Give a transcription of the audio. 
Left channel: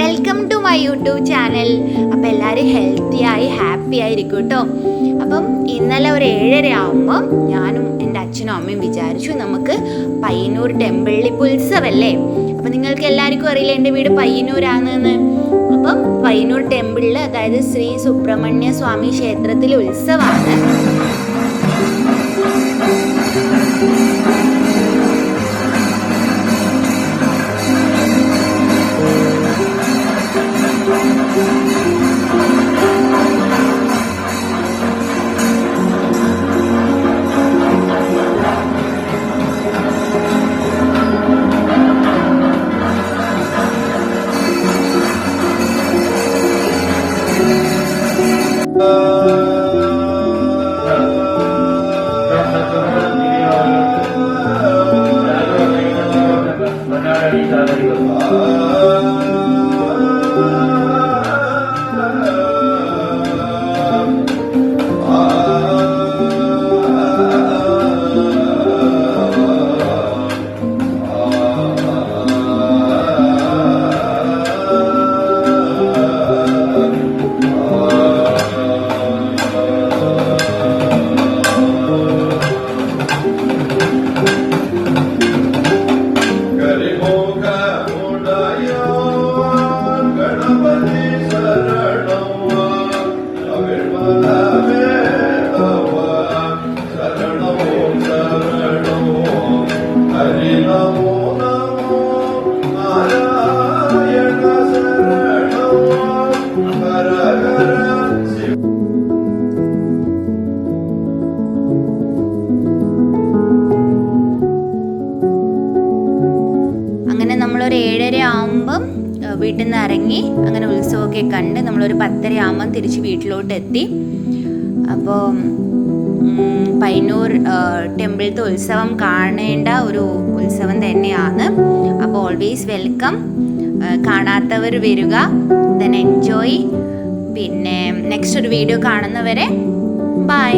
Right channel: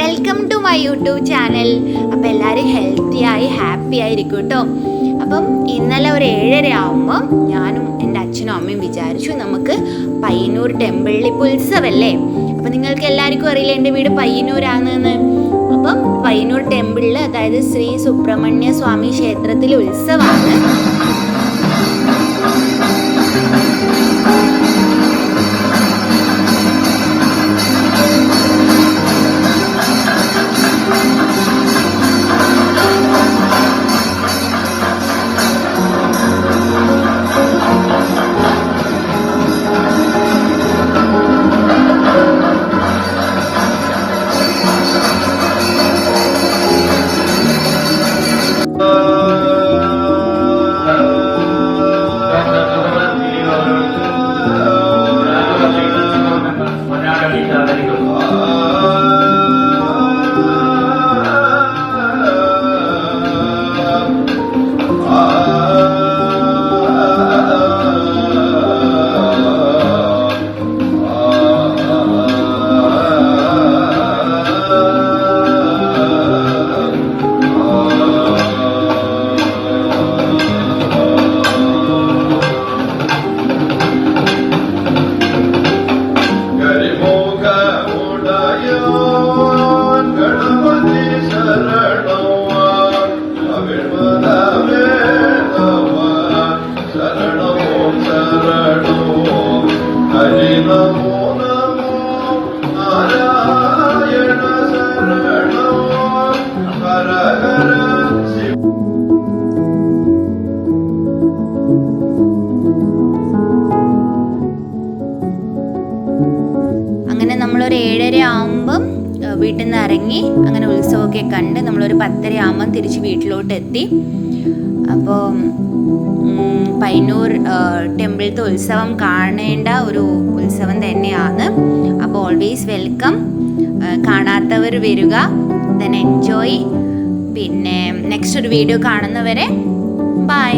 Welcome to my YouTube channel. അപ്പോൾ എല്ലാവരും happy ആയിരിക്കും കേട്ടോ. അപ്പം ഇന്നലെ ഒരു 7:30 ആകുമ്പം ഞാനും എൻ്റെ അച്ഛനും അമ്മയും വിചാരിച്ചു നമുക്ക് പയ്യന്നൂർ ടെമ്പിളിൽ ഇപ്പോൾ ഉത്സവമല്ലേ. അപ്പം നിങ്ങൾക്ക് എല്ലാവർക്കും അറിയില്ല എൻ്റെ വീട് പയ്യന്നൂരാണെന്ന്. അപ്പം പയ്യന്നൂർ ടെമ്പിളിൽ, അതായത് ശ്രീ സുബ്രഹ്മണ്യ സ്വാമി ക്ഷേത്രത്തിൽ ഉത്സവമാണ്. അങ്ങനെ നമ്മളൊരു 7:30 ആകുമ്പം വീട്ടിൽ നിന്ന് ഇറങ്ങി അങ്ങനെ ഉത്സവമൊക്കെ കണ്ട് നമ്മളൊരു 10:30 ആകുമ്പം തിരിച്ച് വീട്ടിലോട്ട് എത്തി. അപ്പോൾ പയ്യന്നൂർ ടെമ്പിളിലത്തെ ഉത്സവം കാണേണ്ട ഒരു ഉത്സവം തന്നെയാണ്. അപ്പോൾ ഓൾവേസ് വെൽക്കം. കാണാത്തവർ വരിക, ദെൻ എൻജോയ്. പിന്നെ നെക്സ്റ്റ് ഒരു വീഡിയോ കാണുന്നവരെ ബൈ.